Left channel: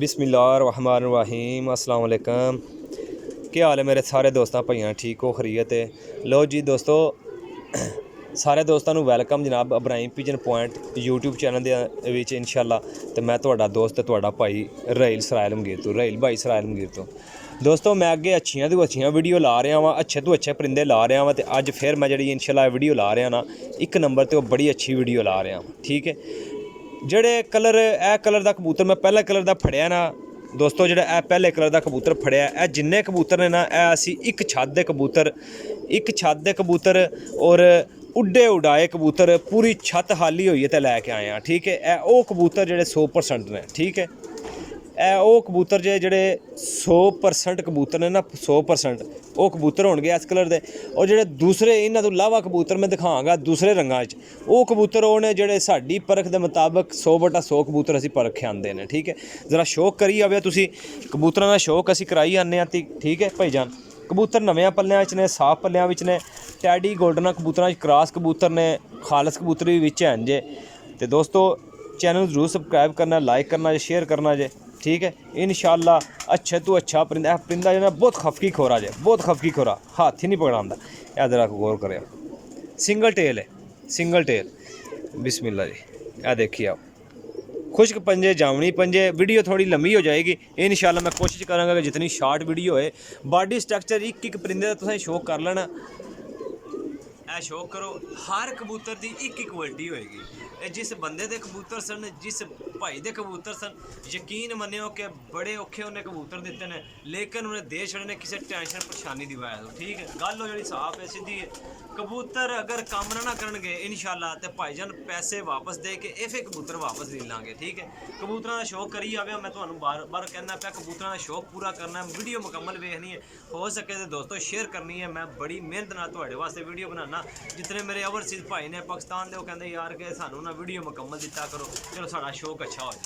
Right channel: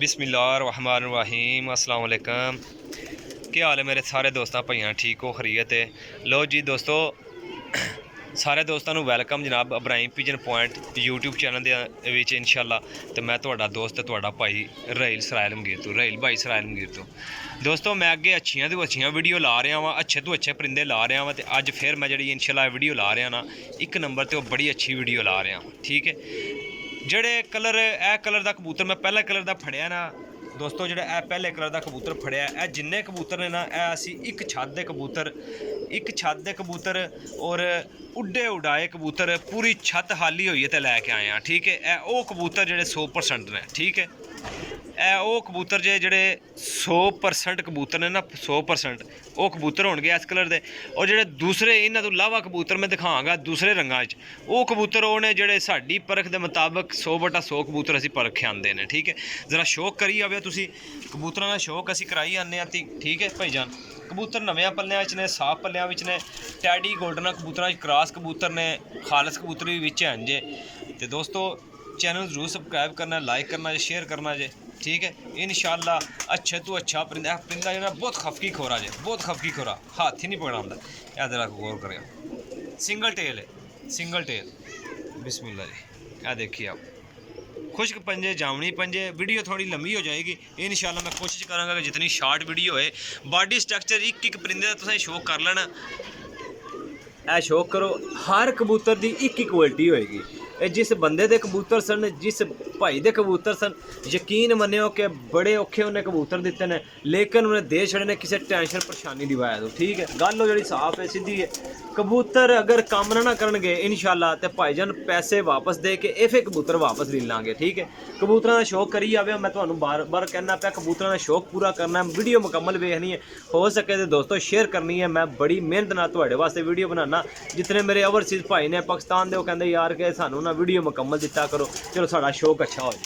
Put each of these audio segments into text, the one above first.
बिस्मिल्लाहिर्रहमानिर्रहीम अस्सलाम वालेकुम। क्या हाल है मेरे सारे दोस्तों भाइयों, ठीक हो खरीत है? लो जी दोस्तों, सारे दोस्तों को वैलकम जनाब Ibrahim pigeon point YouTube channel के विच इंशाअल्लाह। तो मैं तुहाडा दोस्त तुहाडा भाई राहील सरायल मगीर तो राहील भाई सरायल मगीर तो दोस्तों मैं अगे अच्छियां तो अच्छियां वीडियो ला रहा वा, अच्छे तो अच्छे परिंदे ला रहा वा। तो अज फिर मैं जी इंशाअल्लाह वीडियो ला रहा ना एक नंबर तो बड़ी अच्छी वीडियो ला रहा। ठीक है, ਜਿਹੜੇ कलर ए कलर का कबूतर मैं पहले कलर का फड़िया ना दोस्तों, जो पहले कलर का कबूतर फड़िया ए जिन्ने कबूतर ने ना असी एक छत के कबूतर और उड्डे उड़ाए कबूतर पूरी छत खाली हुई है तो लैके आए हैं। ठीक है, वो कबूतर जो 100% ने। ठीक है, वो कबूतर जे 100% कबूतर ने ना 100% वो कबूतर होंगे इस कलर के। और जो दूसरे इन्हों तो इलावा कबूतर मैं दिखागा दूसरे रंगा वो कबूतर वो ने जोड़े साड़ी परख के मुताबिक 100/100 कबूतर असी परखे आते हैं। ठीक है, जरा शौक करी आवे तुसी कबूतर का शौक असी कराई आने। ठीक है भाईजान, कबूतर नव्या पल्लियां ने साफ पल्लियां ने टैडी गोल्डन कबूतर क्रॉस कबूतर ने खालस कबूतर भी विच हैं जे। तो दोस्तों चैनल जरूर सबसक्राइब करना, लाइक करना, शेयर करना जे। ठीक है, इंशाअल्लाह अच्छे तो अच्छा परिंदा परिंदा जो बहुत खफकी खोरा जे, बहुत खफकी खोरा, हाथ ही नहीं पकड़ाता। यह जरा गौर करें, सिंगल टेल है, सिंगल टेल। बिस्मिल्लाह जी, यह देखिए आप खुश्क पंजे जामनी पंजे। वीडियो थोड़ी लंबी हो जाएगी इंशाअल्लाह, मैं कोशिश करूँगा कि जितनी शार्ट वीडियो है। बॉडी स्ट्रक्चर एक परिंदे का तुसें शौक कर लेना, ए शौक करो। हर कबूतर की एक क्वालिटी होएगी। जिस बंदे दे कबूतर सन, जिस भाई दे कबूतर सन, यकीन मन्यो कि बड़े औखे उन्हें कबूतर दिते हैं, लेकिन उन्हें दे छड़े ने किसी टेंशन परेशानी दिवाया। तो ठीक है, गल जी साफ है, सीधी है। कबूतर अगर काम ना करनगे इंशाअल्लाह तो भाईजान पैसे वापस दे के फिर कबूतर वापस ले लाँगे। ठीक है, कबूतर का शौक करी आवे। मैं तुम्हें बार बार कहना पाया कबूतर का शौक पूरा करना, वीडियो मुकम्मल वेखनी है, हो सके तो दोस्तों शेयर करनी है। मैं बड़ी मेहनत नाल तुहाडे वास्ते वीडियो बनाना। जितने मेरे ओवरसीज़ भाई ने पाकिस्तान के वो कहते यार कि सानू ना वीडियो मुकम्मल दिता करो, चलो साड़ा शौक अच्छा हो जाए।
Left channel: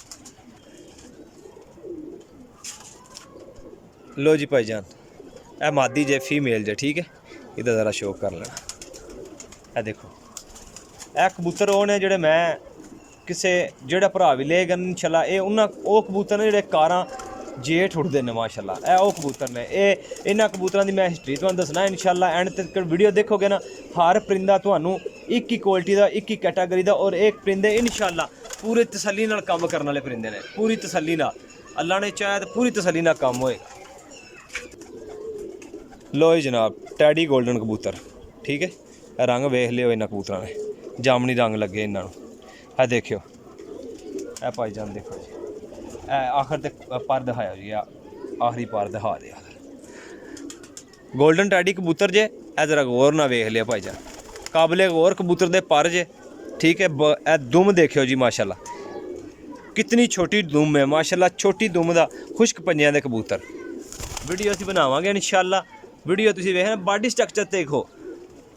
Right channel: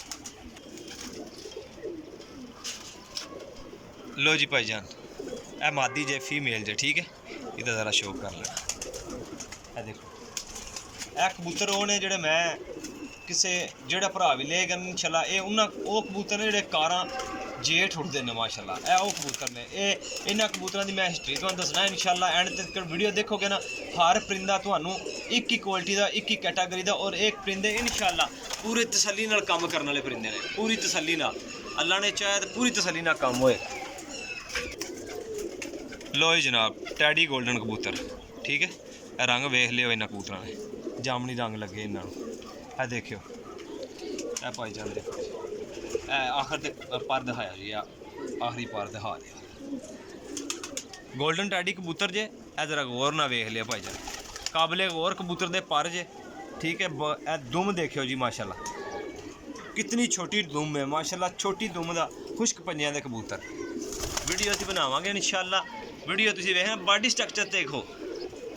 लो जी भाईजान, ए मादी जे फीमेल जे। ठीक है, इधर ज़रा शौक कर लेना। ए देखो ए कबूतर वो ने जोड़े मैं किसे जोड़ा भरा भी ले गए इंशाअल्लाह। ये उन्होंने कबूतर ने जोड़े कारां जेठ उठते हैं माशाअल्लाह। ए वो कबूतर ने इन्होंने कबूतरों की मैं हिस्टरी तुहानू दसना इंशाअल्लाह। एंड तक वीडियो देखोगे ना हर परिंदा तुहानू एक ही क्वालिटी का, एक ही कैटागरी का और एक परिंदे इंशाअल्लाह पूरी तसल्ली नाल काम करने वाले परिंदे ने। पूरी तसल्ली नाल अल्लाह ने चाहे तो पूरी तसल्ली नाल काम होएगा। लो जी जनाब, टैडी गोल्डन कबूतर। ठीक है, रंग वेख लियो इन्होंने कबूतर ने, जामनी रंग लगे इन्होंने। है देखियो ए भाईजान देखो, आखिर तक पर दिखाया जी, आखिरी पर दिखा दे। गोल्डन टैडी कबूतर जे ए जरा गौर ना वेख लिया भाईजान, काबले गौर कबूतर दे पर जे। ठीक है, ए दुम देखियो जी माशाअल्लाह, कितनी छोटी दुम है माशाअल्लाह, छोटी दुम का खुश्क पंजियां दे कबूतर। वीडियो असीं बनावांगे इंशाअल्लाह। वीडियो तुसीं वेखना, बॉडी स्ट्रक्चर देखो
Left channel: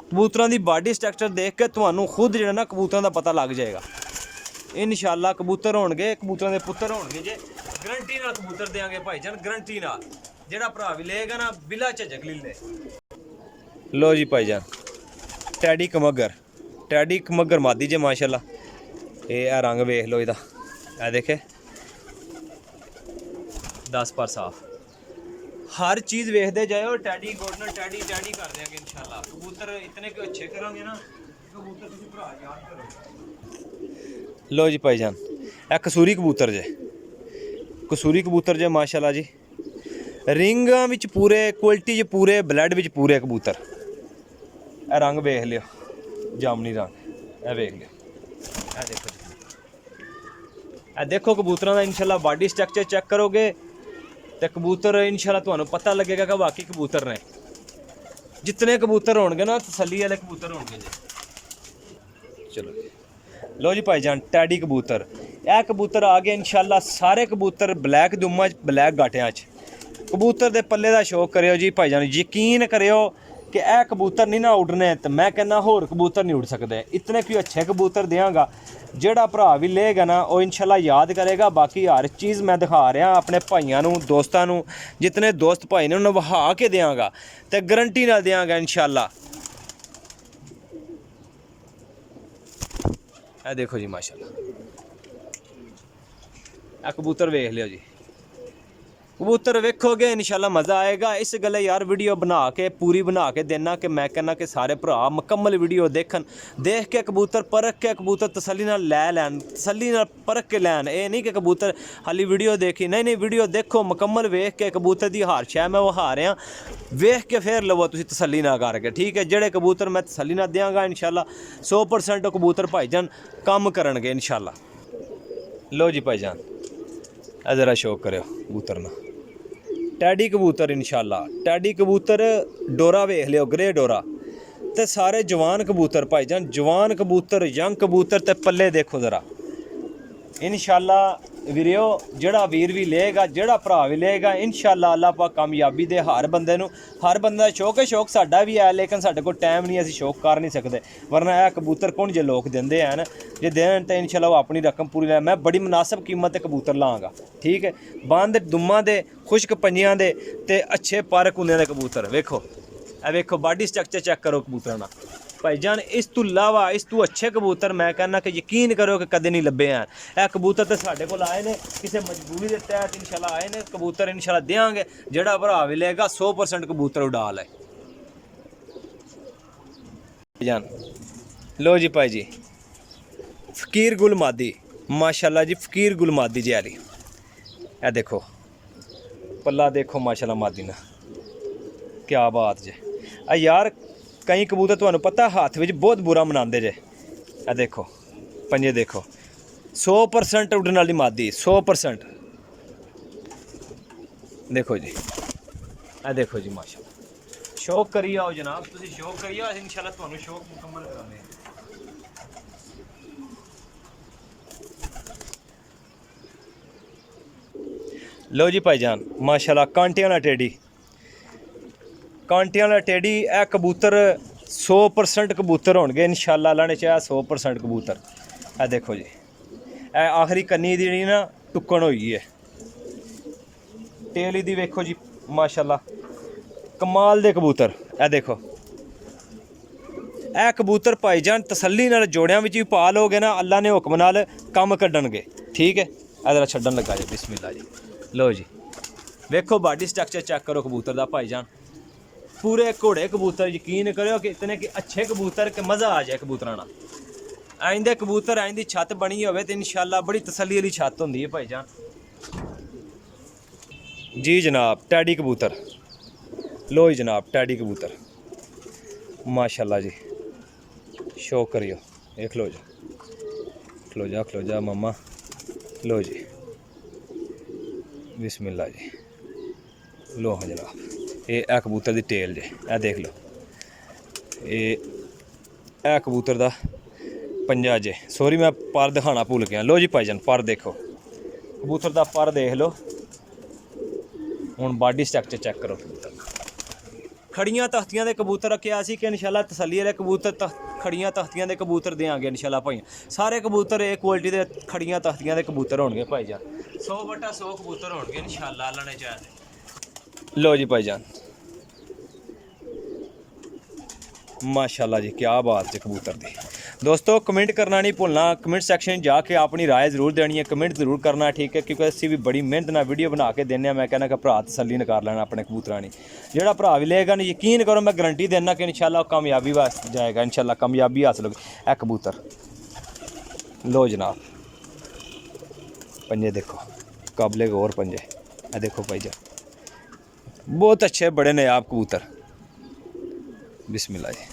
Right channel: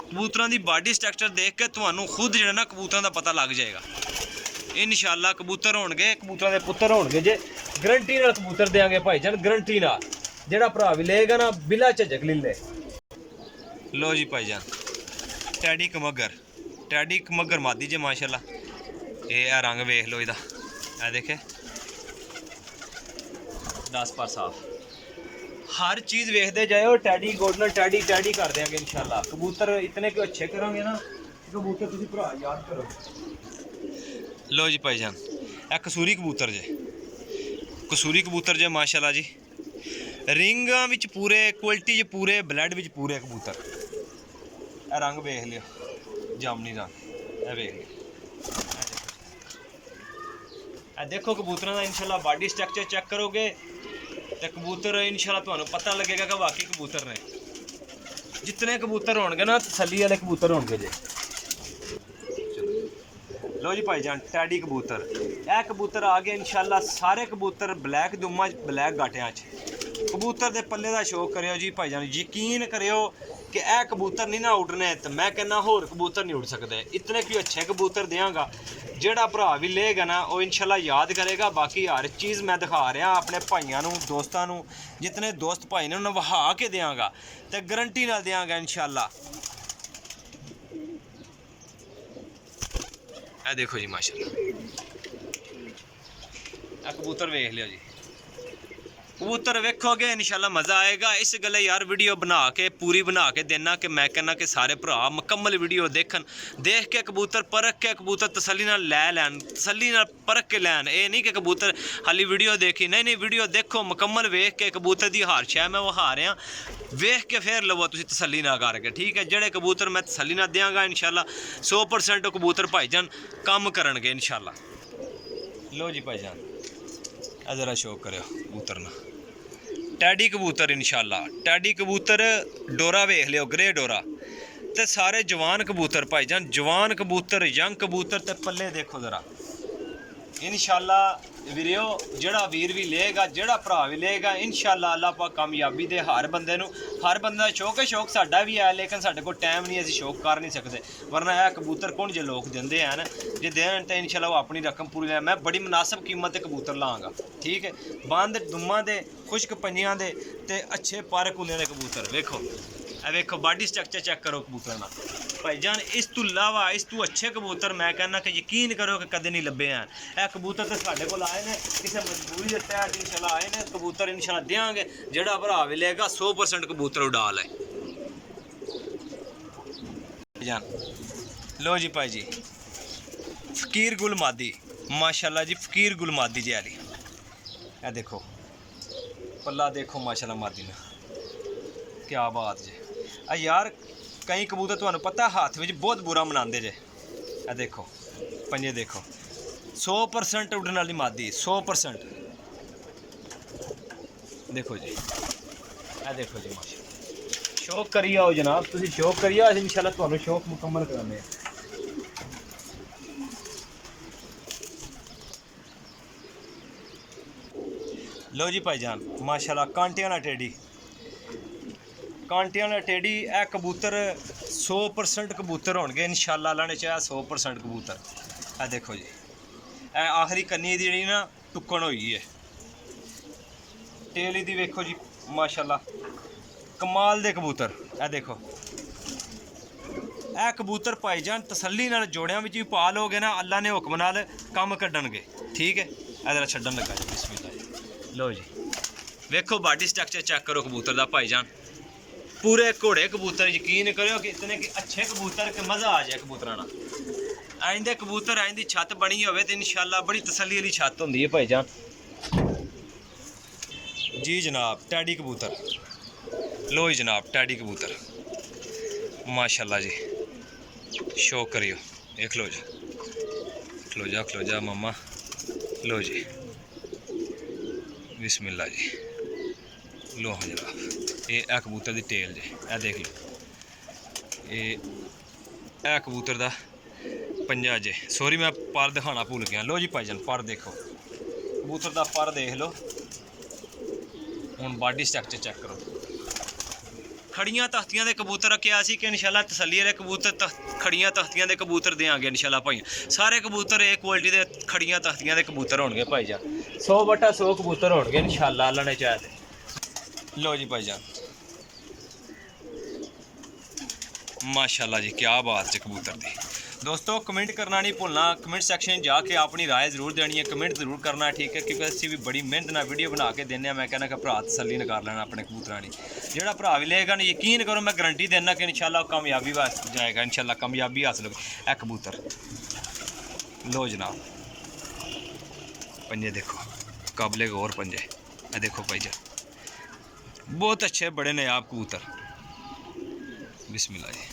कबूतरों की, बॉडी स्ट्रक्चर देख के तुहानू खुद जो ना कबूतरों का पता लग जाएगा इंशाअल्लाह। कबूतर होणगे, कबूतरों के पुत्तर होणगे जे, गारंटी नाल कबूतर देंगे भाईजान, गारंटी नाल। जेड़ा भरा भी लेगा ना बिला झिझक ले ले। लो जी भाईजान, टैडी कमगर मादी जे माशाअल्लाह। ये रंग वेख लो इहदा, ए देखे 10 पर साफ। हर चीज़ वेखते जाओ, टैडी गोल्डन टैडी टैडी कर देंगे इंशाअल्लाह। कबूतर इतने क्यों अच्छे करोगे ना, कबूतर तुम भरा याद करो। लो जी भाईजान, ए कसूरी कबूतर जे, कसूरी कबूतर जे माशाअल्लाह जी। रिंगां विच पूरे क्वालिटी च पूरे, ब्लड विच पूरे कबूतर। ए रंग वेख लियो, जामनी रंग, ए वेख लियो, ए देखो कबूतरों का इंशाअल्लाह बॉडी स्ट्रक्चर चेक करोगे तो कबूतर इंशाअल्लाह तुहानू पता लगेगा कि वाकई कबूतर ने। जितने कबूतर होंगे ना तसल्ली वाले कबूतर होंगे जे। चलो लो जी भाईजान, टैडी कबूतर, यह कबूतर आ गए इंशाअल्लाह। सारे कबूतर ब्लैक दुम्मा ब्लैक गाटियां कबूतर दे पल्ले का शौक करियो जी भाईजान। यकीन करियो कि यह कबूतर नहीं ना उड़ने तो मैं कहना होर कबूतर नहीं उड़ सकते। इतने क्यों अच्छे कबूतर देंगा, जेड़ा भरा भी लेगा ना वो इंशाअल्लाह याद करेगा। बाकी हर चीज़ मैं दिखा रहा अपने भाइयों नू, दोस्तों नू, जितने दोस्त भाई ने उन्हें वहा के देंगा तो गारंटी नाल देंगा इंशाअल्लाह। ए देखो जी माशाअल्लाह, कबूतर वेख लियो जी, कबूतर वेखोगे इंशाल्लाह मज़ा आएगा। इस गल्ले यार वीडियो बना के पूरी बना के देना कि मैं कहना कि सारे भरा मुकम्मल वीडियो देखन, देख के कबूतर परख के कबूतर तसल्ली नाल लै लैन, तसल्ली नाल परख के लैन। ये नहीं कि कबूतर हाली वीडियो देखी, नहीं वीडियो देखो मुकम्मल, वेख के कबूतर दी हार शै मैं वो हार रहा, वेख के फिर लवो तुसीं तसल्ली ना करके, ठीक है। जेड़े कबूतर मैं तसल्ली ना देंगा इंशाल्लाह 100% कबूतर भाईजान कम करनगे इंशाल्लाह। लो जी भाईजान ज़रा शौक करो कबूतर ना, टैडी कबूतर इंशाल्लाह, टैडी कबूतर डोरा वेख लियो, ग्रे डोरा ते सारे जवान कबूतर भाईजान, जवान कबूतर, यंग कबूतर ते पल्ले देखो ज़रा इंशाल्लाह वीरियो। जेड़ा वीर भी लेगा, जेड़ा भरा भी लेगा इंशाल्लाह अल्लाह पाक कामयाबी दे हर बंदे नू। हर बंदा दा शौक है, शौक साडा भी है, लेकिन साडे कोल टाइम नहीं, असीं शौक कर नहीं सकते। वरना यह कबूतर कौन जे लोग देंदे हैं जे देन तो इंशाल्लाह वो अपनी रकम पूरी लै। मैं बड़ी मुनासिब कीमत ते कबूतर लाँगा, ठीक है। बंद दुम्मा दे, खुश्क पंजियां दे ते अच्छे पर कुंदे दे कबूतर वेखो। वेखो बॉडी स्ट्रक्चर चेक करो कबूतर ना भाईजान। इस तू इलावा इस तू अच्छे कबूतर मैं कहना कि यकीन करो कि कदे नहीं लभे हैं। यह कबूतर तो साढ़े को आए ने किसी मजबूरी के तहत इंशाल्लाह आए ने, कबूतर इंशाल्लाह देंगे। जेड़ा भरा भी लेगा 100% कबूतर उड़ा ले जान। लो जी भाई जी फ़कीर गुल मादी माशाल्लाह जी, फ़कीर गुल मादी जी आली ए देखो पल्ला देखो माशाल्लाह मादी ना, क्या बात जे। यार कई कबूतर तुहानू पता हाथ में बहुत बुरा मनाते जे। आ देखो पंजे देखो 100% उड़न वाली मादी 100%। देखो जी आ देखो जी माशा, शौक करी आओ जनाब, तुम शौक करी आओ, इंशाल्लाह तुहानू शौक मुकम्मल कराने। लो जी भाईजान माशाल्लाह कांटियां वाला टेडी, कांटियां वाला टेडी ए कबूतर 100% कबूतर होंगे इंशाल्लाह, अल्लाह ने चाहा 100% कबूतर। ए देखो जी ए आखिरी कन्नी दी ना टुक्कन हुई है, टेल दी वेखो जी माशाल्लाह कमाल दे कबूतर। ए देखो ए कबूतर भाईजान तसल्ली नाल जोड़ियां विच भी पा लोगे ना, अल्लाह ने हुक्म नाल कम कड्डणगे, ठीक है। जरा छड्डन लगा जी बिस्मिल्लाह जी। लो जी वेखो बॉडी स्ट्रक्चर चेक करो कबूतर दा भाईजान, पूरे घोड़े कबूतर, यकीन करो कि इतने कि अच्छे कबूतर के मज़ा आ जाए कबूतरां नाल। आइंदे कबूतर आइंदी छत बनी होवे तो इंशाल्लाह बड़ी तसल्ली वाली छत होंदी है भाईजान। जी जनाब टैडी कबूतर, लो जी जनाब टैडी कबूतर माशाल्लाह जी, शौक करियो देख लो जी, खलो जा मामा। लो जी बिस्मिल्लाह जी। लो हाँ जनाब ये कबूतर दी टेल जे, ए देख लो ये कबूतर दा पंजा जे, सॉरी मैं पर दिखाना भूल गया। लो जी भाईजान पर देखो कबूतर दा पर देख लो, हुण बॉडी स्ट्रक्चर चेक करो कबूतर। खड़ियां तख्तियां दे कबूतर रखे सी कि इंशाल्लाह तसल्ली वाले कबूतर खड़ियां तख्तियां दे कबूतर देंगे इंशाल्लाह भाई। सारे कबूतर एक क्वालिटी दे खड़ियां तख्तियां दे कबूतर होंगे भाईजान, 100/100 कबूतर होंगे इंशाल्लाह अल्लाह ने चाहे। लो जी भाईजान माशाल्लाह जी क्या बात है कबूतर दी। दोस्तों कमेंट करना नहीं भूलना, कमेंट सेक्शन जाके अपनी राय जरूर देनी है, कमेंट जरूर करना, ठीक है। क्योंकि असी भी बड़ी मेहनत ना वीडियो बना के देने, मैं कहना कि भरा तसल्ली कर लेना अपने कबूतरां दी। जेड़ा भरा भी लेगा ना यकीन करो मैं गारंटी देना कि इंशाल्लाह कामयाबी वास्ते जाएगा, इंशाल्लाह कामयाबी हासिल होगी। ए कबूतर लो जनाब पंजे देखो काबले गौर पंजे, ए देखो भाईजान बहुत अच्छे बड़े नायाब कबूतर। बिस्मिल्लाह जी।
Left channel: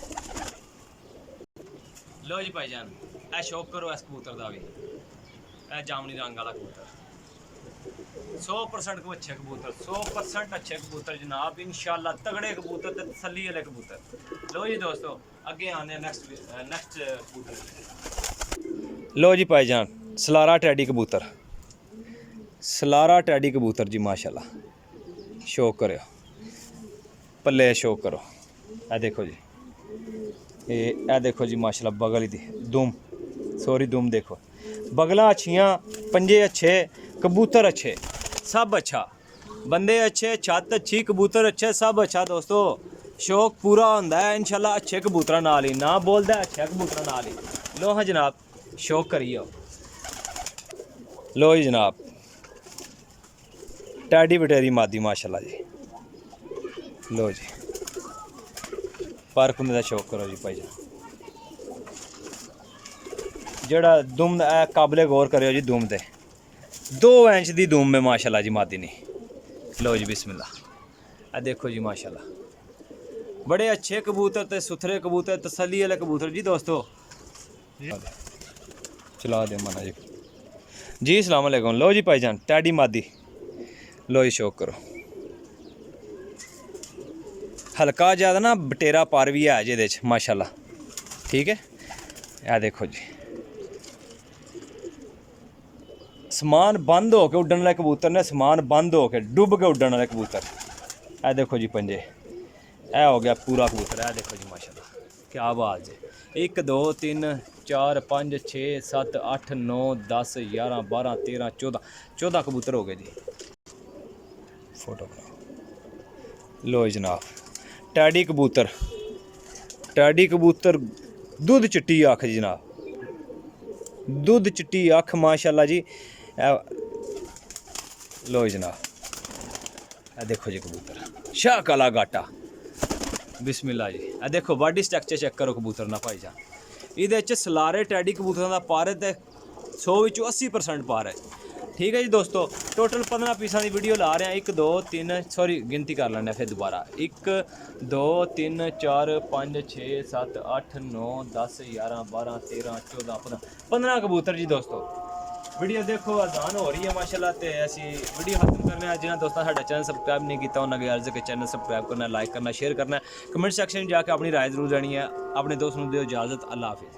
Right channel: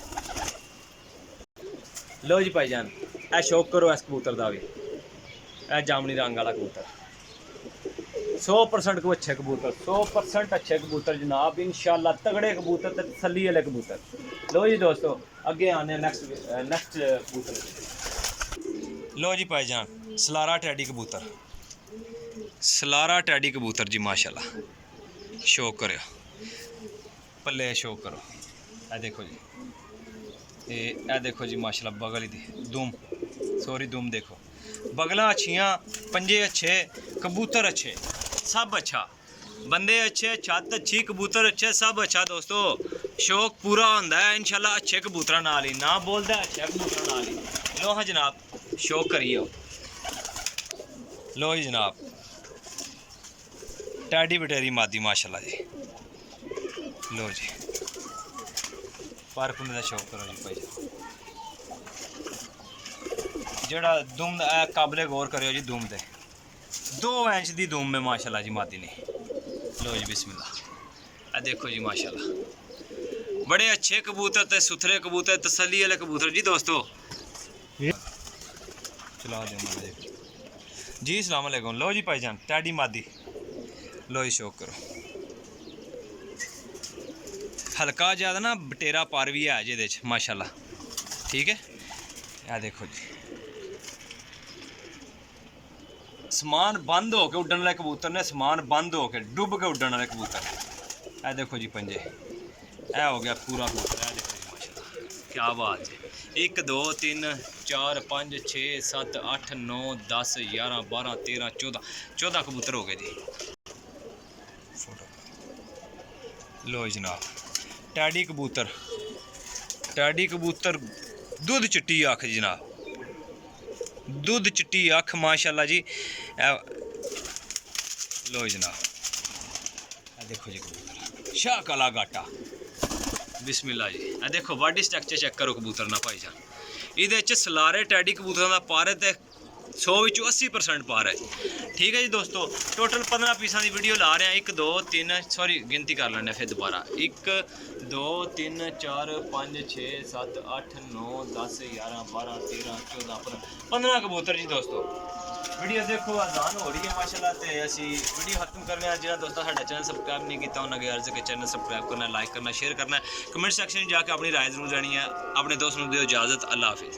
लो जी भाईजान ए शौक करो इस कबूतर का भी, ए जामनी रंग वाला कबूतर 100% को अच्छे कबूतर, 100% अच्छे कबूतर जनाब इंशाल्लाह, तगड़े कबूतर ते तसल्ली वाले कबूतर। लो जी दोस्तों अगे आने नेक्स्ट कबूतर। लो जी भाईजान सलारा टैडी कबूतर, सलारा टैडी कबूतर जी माशाल्लाह शौक करो पल्ले, शौक करो। ए देखो जी ए देखो जी माशाल्लाह बगल दी दुम, सॉरी दुम देखो, बगलां अच्छियां, पंजे अच्छे, कबूतर अच्छे, सब अच्छा, बंदे अच्छे, छत अच्छी, कबूतर अच्छे, सब अच्छा। दोस्तों शौक पूरा होंदा है इंशाल्लाह अच्छे कबूतरां नाल ही, ना बोलदा अच्छे कबूतरां नाल ही। लो हाँ जनाब शौक करिए। लो जी जनाब टैडी बटेरी मादी माशाल्लाह जी। लो जी पर कुंदे दा शौक करो जी भाई जेड़ा दुम काबले गौर करो जी दुम दे 2 इंच दी दुम में माशाल्लाह जी मादी ने। लो जी बिस्मिल्लाह आ देखो जी माशाल्लाह बड़े अच्छे कबूतर ते सुथरे कबूतर तसल्ली वाले कबूतर जी दोस्तों। चला दे मना जी अस्सलाम वालेकुम। लो जी भाईजान टैडी मादी लो जी शौक करो हल्का ज़्यादा ना बटेरा पर भी है जे माशाल्लाह ठीक है। आ देखो जी समान बंद हो के उड्डन वाले कबूतर ने समान बंद हो के डुब के उड्डन वाले कबूतर। ए देखो जी पंजे ए हो गया पूरा कबूतर। ए देखो जी माशाल्लाह क्या बात है। 1 2 3 4 5 6 7 8 9 10 11 12 13 14 कबूतर हो गए जी। फोटो लो जनाब टैडी कबूतर दुध चिट्टी अख जी जनाब दुध चिट्टी अख माशाल्लाह जी। लो जनाब ए देखो जी कबूतर शाह काला गाटा बिस्मिल्लाह जी। ए देखो बॉडी स्ट्रक्चर चेक करो कबूतर ना भाई जान। इहदे च सलारे टैडी कबूतर का पार है 100 विचों 80% पार है ठीक है जी दोस्तों। टोटल 15 पीसा की वीडियो ला रहे हैं 1 2 3 सॉरी गिनती कर लें फिर दोबारा 1 2 3 4 5 6 7 8 9 10 11 12 13 14 15 कबूतर जी दोस्तों। वीडियो देखो आसान हो रही है माशाल्लाह। तो असी वीडियो खत्म करने जिन्हें दोस्तों साडा चैनल सबसक्राइब नहीं किया उन्होंने अर्ज के चैनल सबसक्राइब करना लाइक करना शेयर करना कमेंट सैक्शन में जाकर अपनी राय जरूर देनी है। अपने दोस्त को दो इजाज़त। अल्लाह हाफिज़।